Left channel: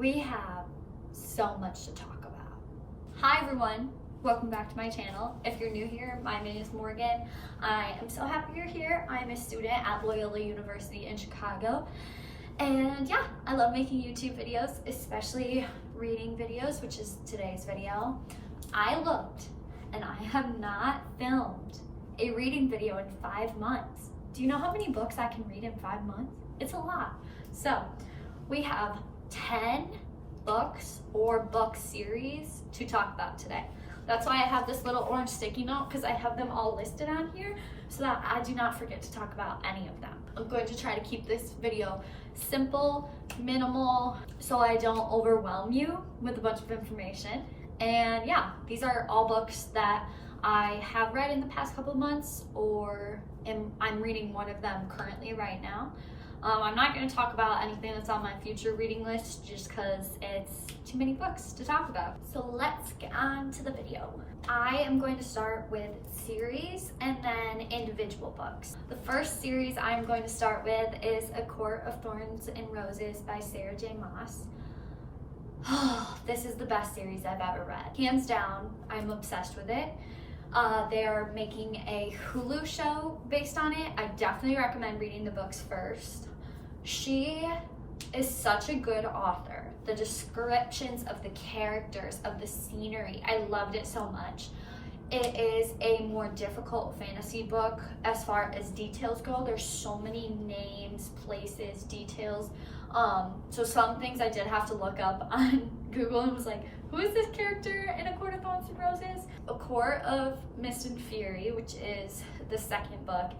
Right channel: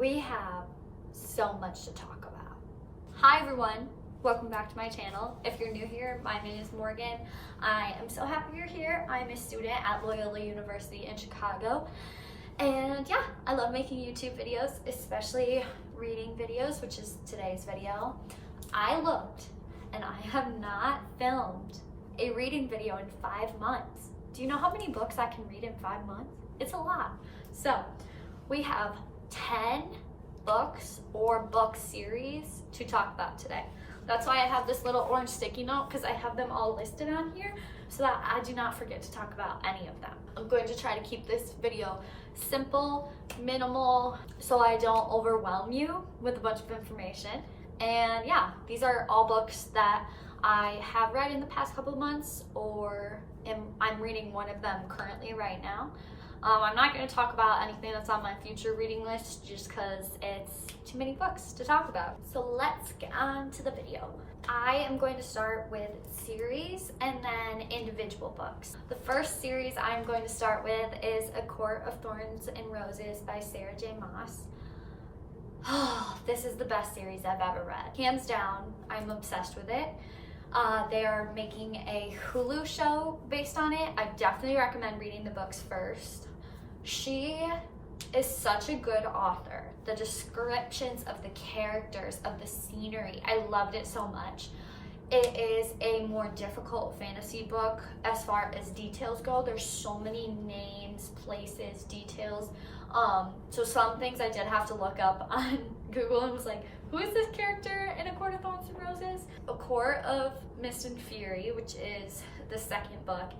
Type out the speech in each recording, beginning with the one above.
we have so much to talk about. Hi everyone, welcome back to my channel. If you're new here, my name is Morgan. I am so happy you're here. I'm a student at Loyola University in Chicago. And yeah, I love making YouTube videos, especially reading videos, which is today's video. I looked and I have not filmed a reading video in 5 months. Do you know how many books I can read in 5 months? It's a lot. So we have 10 books or book series to talk about today. That's why I have this little orange sticky note, because I have them all listed on here so that I do not forget to talk about any of them. I'm going to try to keep this video simple, minimal, so I don't overwhelm you with a bunch of information. And yeah, these are all books that I have read in the past couple of months, or I'm reading one of them currently right now. I'm not going to talk about anything that's on my future reading list just because it's too many books to talk about. So let's get on to the video. I am going to start with series and then individual books. The first series I'm going to start with is A Court of Thorns and Roses by Sarah J. Maas. Oh, this is the best series I've ever read. Hands down, I'm obsessed with it. They're making a Hulu show based on it. I definitely recommend reading the books first. She is such a good author. The descriptions of the characters, of the scenery, I loved it so much. It is a more difficult fantasy book as far as details go. There's so many names, places, details. So some things I did have to look up on Google and was like, who is this character in A Court of Thorns and Roses? A Court of Mist and Fury, which is the second book,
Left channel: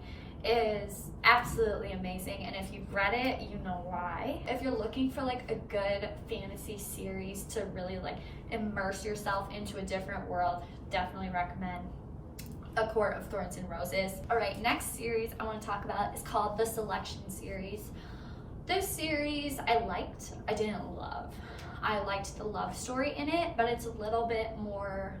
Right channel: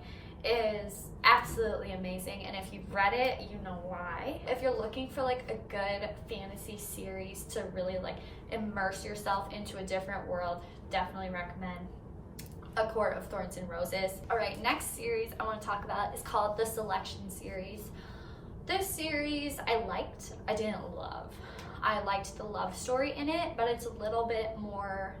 is absolutely amazing, and if you've read it, you know why. If you're looking for like a good fantasy series to really like immerse yourself into a different world, definitely recommend A Court of Thorns and Roses. All right, next series I want to talk about is called The Selection series. This series I liked, I didn't love. I liked the love story in it, but it's a little bit more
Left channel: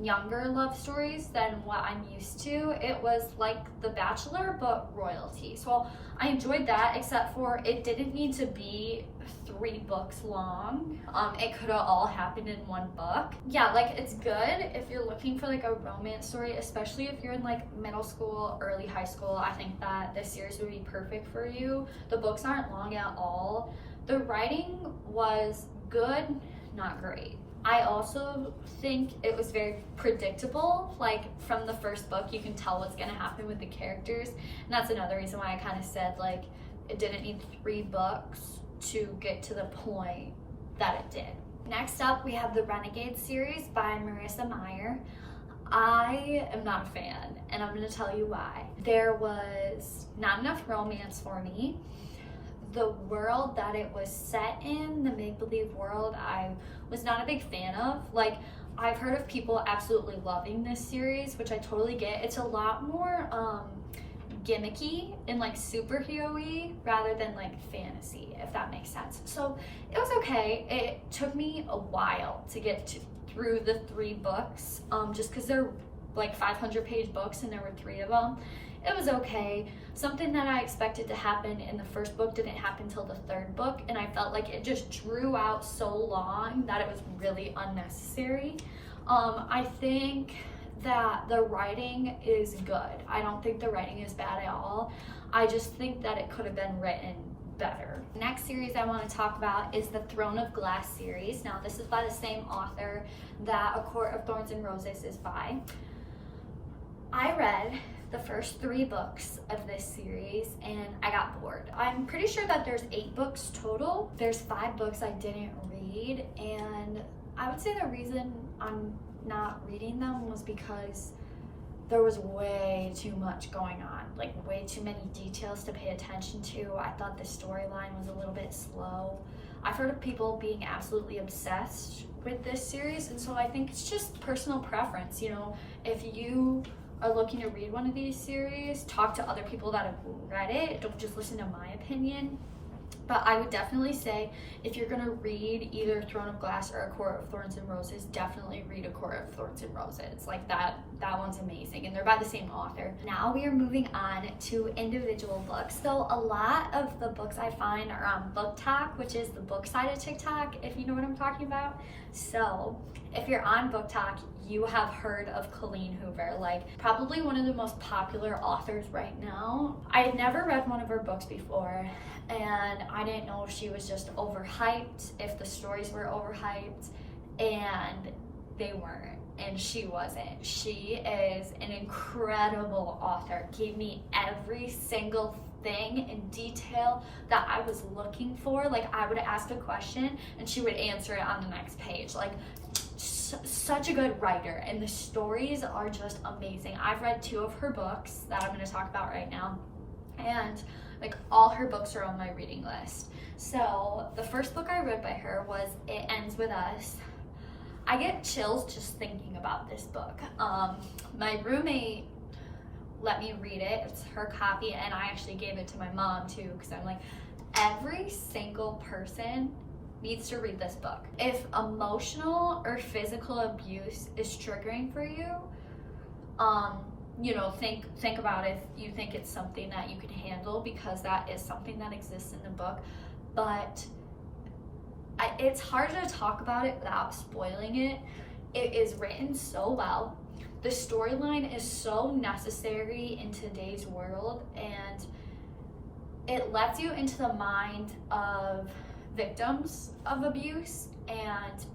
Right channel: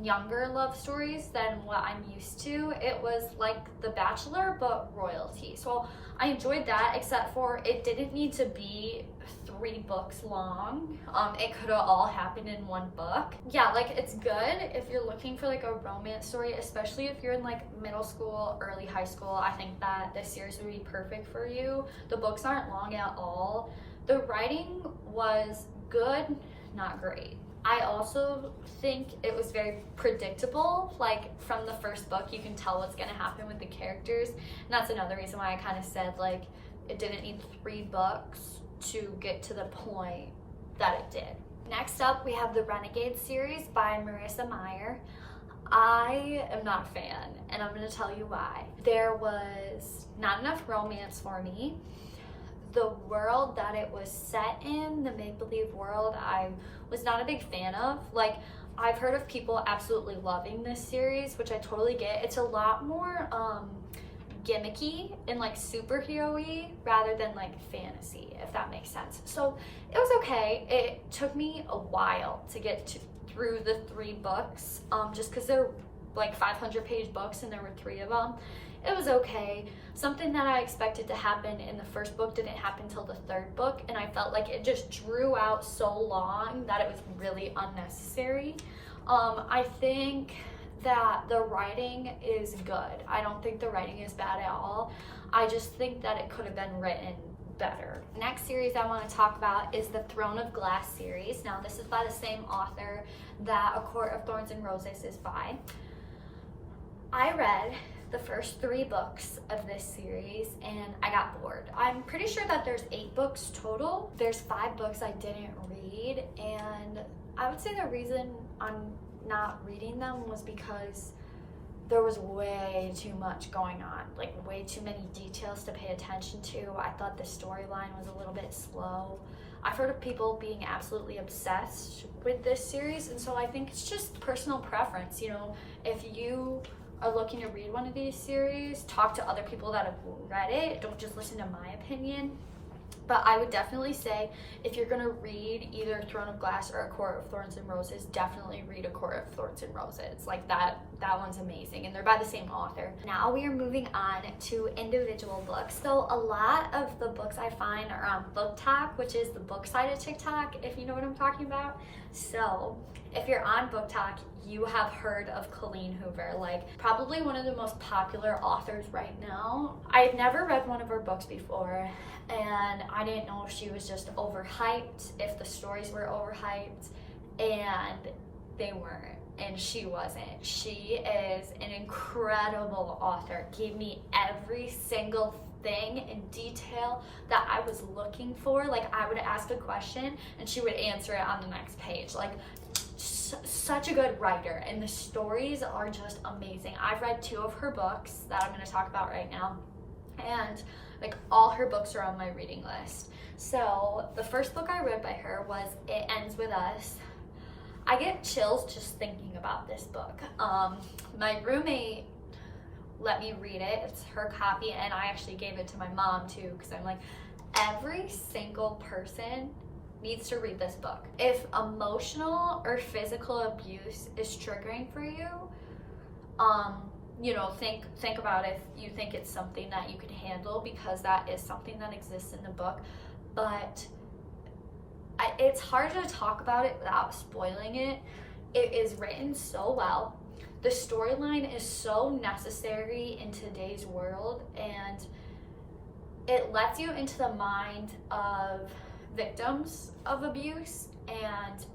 younger love stories than what I'm used to. It was like The Bachelor, but royalty. So I enjoyed that, except for it didn't need to be 3 books long. It could have all happened in 1 book. Yeah, like it's good if you're looking for like a romance story, especially if you're in like middle school, early high school. I think that this series would be perfect for you. The books aren't long at all. The writing was good, not great. I also think it was very predictable. Like from the first book, you can tell what's gonna happen with the characters. And that's another reason why I kind of said like it didn't need 3 books to get to the point that it did. Next up, we have the Renegade series by Marissa Meyer. I am not a fan, and I'm gonna tell you why. There was not enough romance for me. The world that it was set in, the make-believe world, I was not a big fan of. Like, I've heard of people absolutely loving this series, which I totally get. It's a lot more gimmicky and like superhero-y rather than like fantasy, if that makes sense. So it was okay. It took me a while to get through the 3 books, just because they're like 500-page books and there were 3 of them. It was okay. Something that I expected to happen in the first book didn't happen until the 3rd book, and I felt like it just drew out so long that it was really unnecessary. I think that the writing is good. I don't think the writing is bad at all. I just think that it could have been written better. Next series I want to talk about is the Throne of Glass series. Now this is by the same author that A Court of Thorns and Roses is by. I read the first 3 books of this series and I got bored. I'm pretty sure that there's 8 books total. There's 5 books I didn't read, and I would say the reason I'm not reading them was because there was way too much going on, like way too many details to pay attention to. I thought the storyline was a little bit slow. I've heard of people being absolutely obsessed with this series, and so I think it's just personal preference. You know, if you are looking to read one of these series, talk to other people that have read it. Don't just listen to my opinion. But I would definitely say if you're gonna read either Throne of Glass or A Court of Thorns and Roses, definitely read A Court of Thorns and Roses. Like that one's amazing, and they're by the same author. Now we are moving on to individual books. So a lot of the books I find are on Booktok, which is the book side of TikTok, if you know what I'm talking about. So if you're on Booktok, you have heard of COLLEEN Hoover, like probably one of the most popular authors right now. I had never read one of her books before, and I didn't know if she was just overhyped, if the stories were overhyped, and they weren't, and she wasn't. She is an incredible author. Gave me every single thing in detail that I was looking for. Like I would ask a question and she would answer it on the next page. Like such a good writer, and the stories are just amazing. I've read 2 of her books that I'm going to talk about right now, and like all her books are on my reading list. So the first book I read by her was It Ends With Us. I get chills just thinking about this book. My roommate let me read it. It's her copy, and I actually gave it to my mom too, because I'm like, every single person needs to read this book. If emotional or physical abuse is triggering for you, you know, think about if you think it's something that you can handle, because that is something that exists in the book. But it's hard to talk about it without spoiling it. It is written so well. The storyline is so necessary in today's world, and it lets you into the mind of victims of abuse,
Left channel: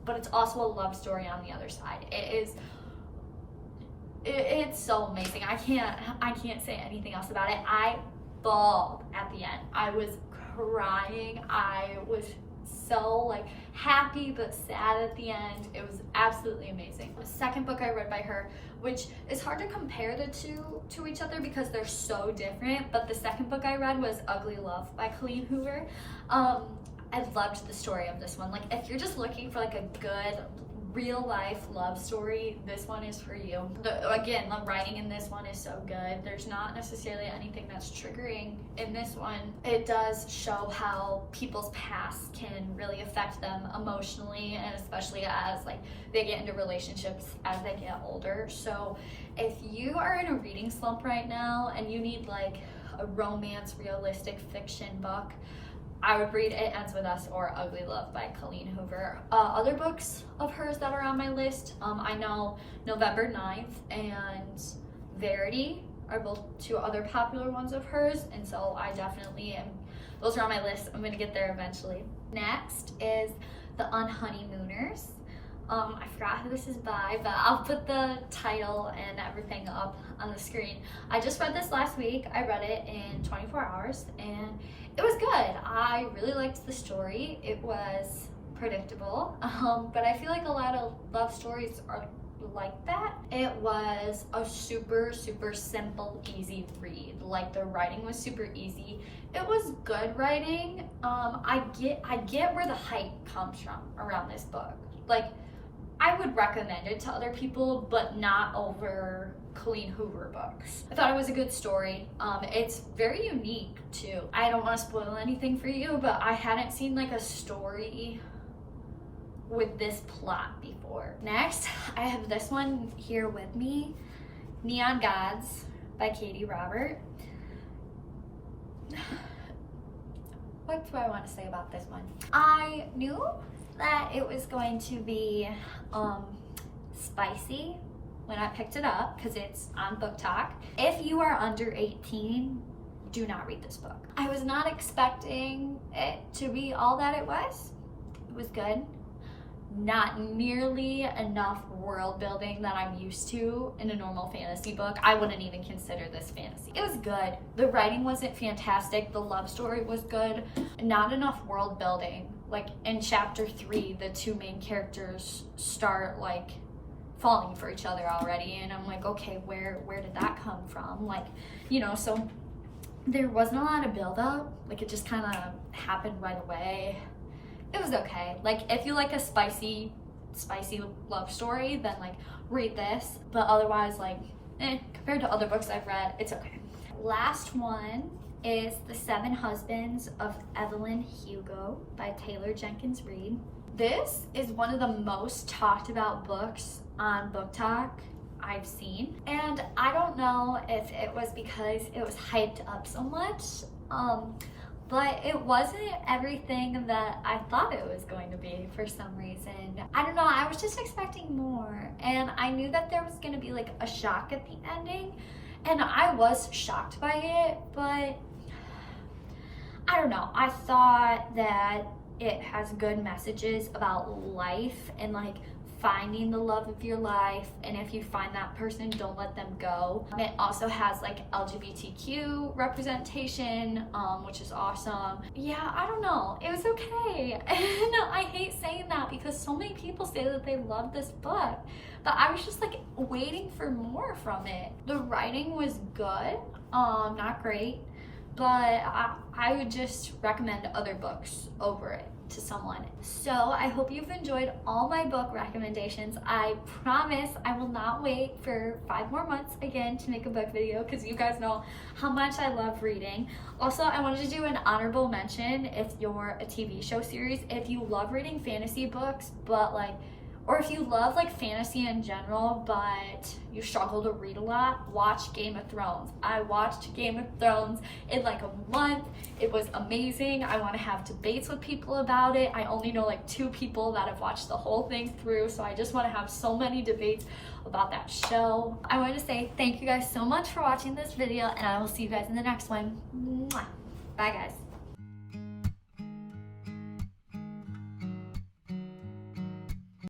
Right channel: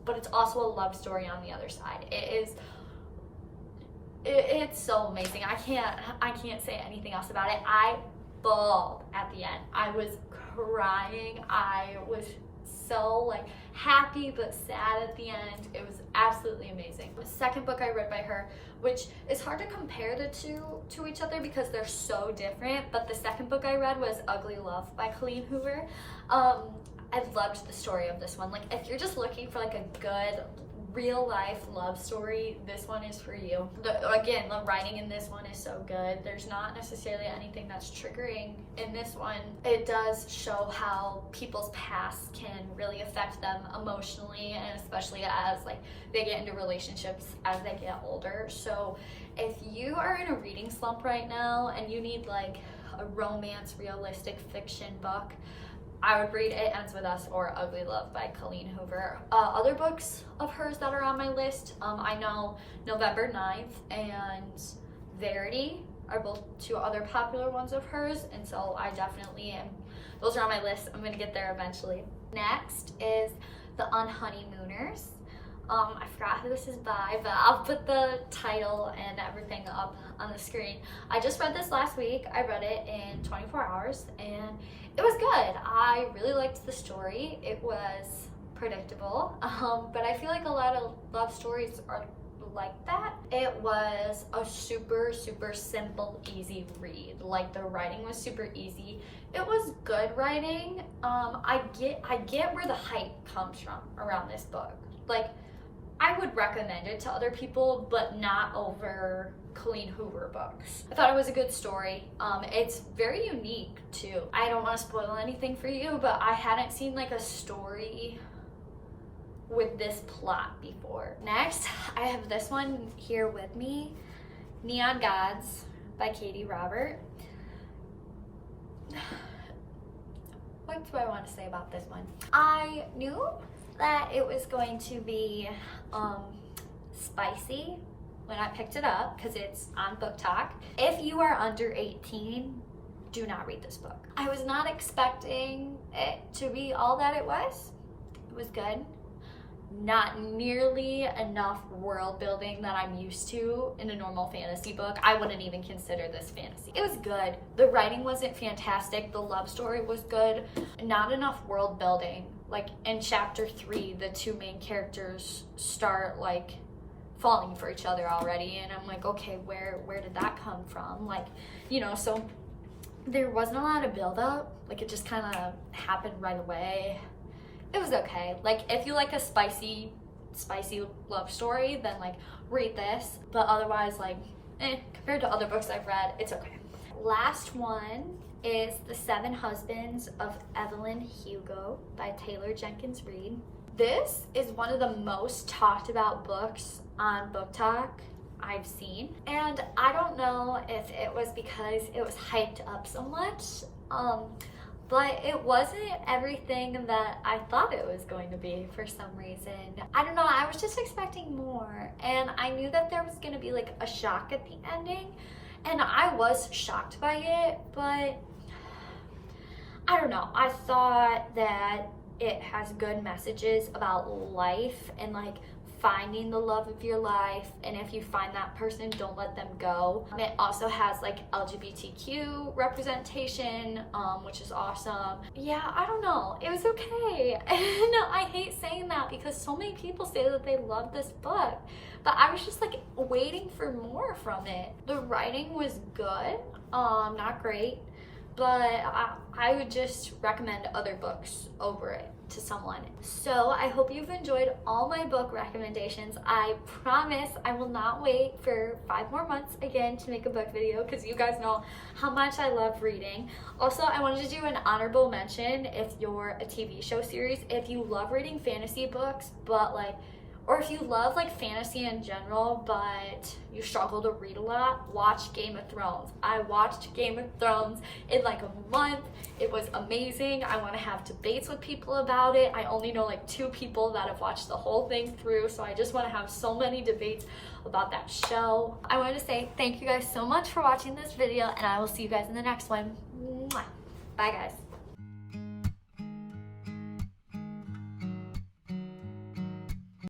but it's also a love story on the other side. It's so amazing. I can't say anything else about it. I bawled at the end. I was crying. I was so like happy but sad at the end. It was absolutely amazing. The second book I read by her, which is hard to compare the two to each other because they're so different, but the second book I read was Ugly Love by COLLEEN Hoover. I loved the story of this one. Like if you're just looking for like a good real life love story, this one is for you. Again, the writing in this one is so good. There's not necessarily anything that's triggering in this one. It does show how people's past can really affect them emotionally, and especially as like they get into relationships as they get older. So if you are in a reading slump right now and you need like a romance realistic fiction book, I would read It Ends With Us or Ugly Love by COLLEEN Hoover. Other books of hers that are on my list, I know November 9th and Verity are both 2 other popular ones of hers, and so I definitely am, those are on my list. I'm gonna get there eventually. Next is The Unhoneymooners. I forgot who this is by, but I'll put the title and everything up on the screen. I just read this last week. I read it in 24 hours, and it was good. I really liked the story. It was predictable, but I feel like a lot of love stories are like that. It was a super simple, easy read. Like the writing was super easy. It was good writing. I get where the hype comes from around this book. Like I would recommend it to other people, but not over COLLEEN Hoover books. I thought it was a good story. It's very unique too. I don't want to spoil anything for you, but I hadn't seen like a story with this plot before. Next, I have this one here with me, Neon Gods by Katie Robert. What do I want to say about this one? I knew that it was going to be spicy when I picked it up because it's on Booktok. If you are under 18, do not read this book. I was not expecting it to be all that it was. It was good. Not nearly enough world building that I'm used to in a normal fantasy book. I wouldn't even consider this fantasy. It was good. The writing wasn't fantastic. The love story was good. Not enough world building. Like in chapter 3, the 2 main characters start like falling for each other already, and I'm like, okay, where did that come from? Like, you know, so there wasn't a lot of build up. Like it just kind of happened right away. It was okay. Like if you like a spicy love story, then like read this, but otherwise like compared to other books I've read, it's okay. Last one is The Seven Husbands of Evelyn Hugo by Taylor Jenkins Reid. This is one of the most talked about books on Booktok I've seen, and I don't know if it was because it was hyped up so much, but it wasn't everything that I thought it was going to be for some reason. I don't know, I was just expecting more, and I knew that there was going to be like a shock at the ending, and I was shocked by it, but I don't know. I thought that it has good messages about life and like finding the love of your life, and if you find that person, don't let them go. It also has like LGBTQ representation, which is awesome. Yeah, I don't know, it was okay. And I hate saying that because so many people say that they love this book, but I was just like waiting for more from it. The writing was good, not great, but I would just recommend other books over it to someone. So I hope you've enjoyed all my book recommendations. I promise I will not wait for 5 more months again to make a book video, because you guys know how much I love reading. Also, I wanted to do an honorable mention if you're a TV show series, if you love reading fantasy books, but like, or if you love like fantasy in general, but you struggle to read a lot, watch Game of Thrones. I watched Game of Thrones in like a month. It was amazing. I want to have debates with people about it. I only know like 2 people that have watched the whole thing through, so I just want to have so many debates about that show. I wanted to say thank you guys so much for watching this video, and I will see you guys in the next one. Mwah. Bye guys.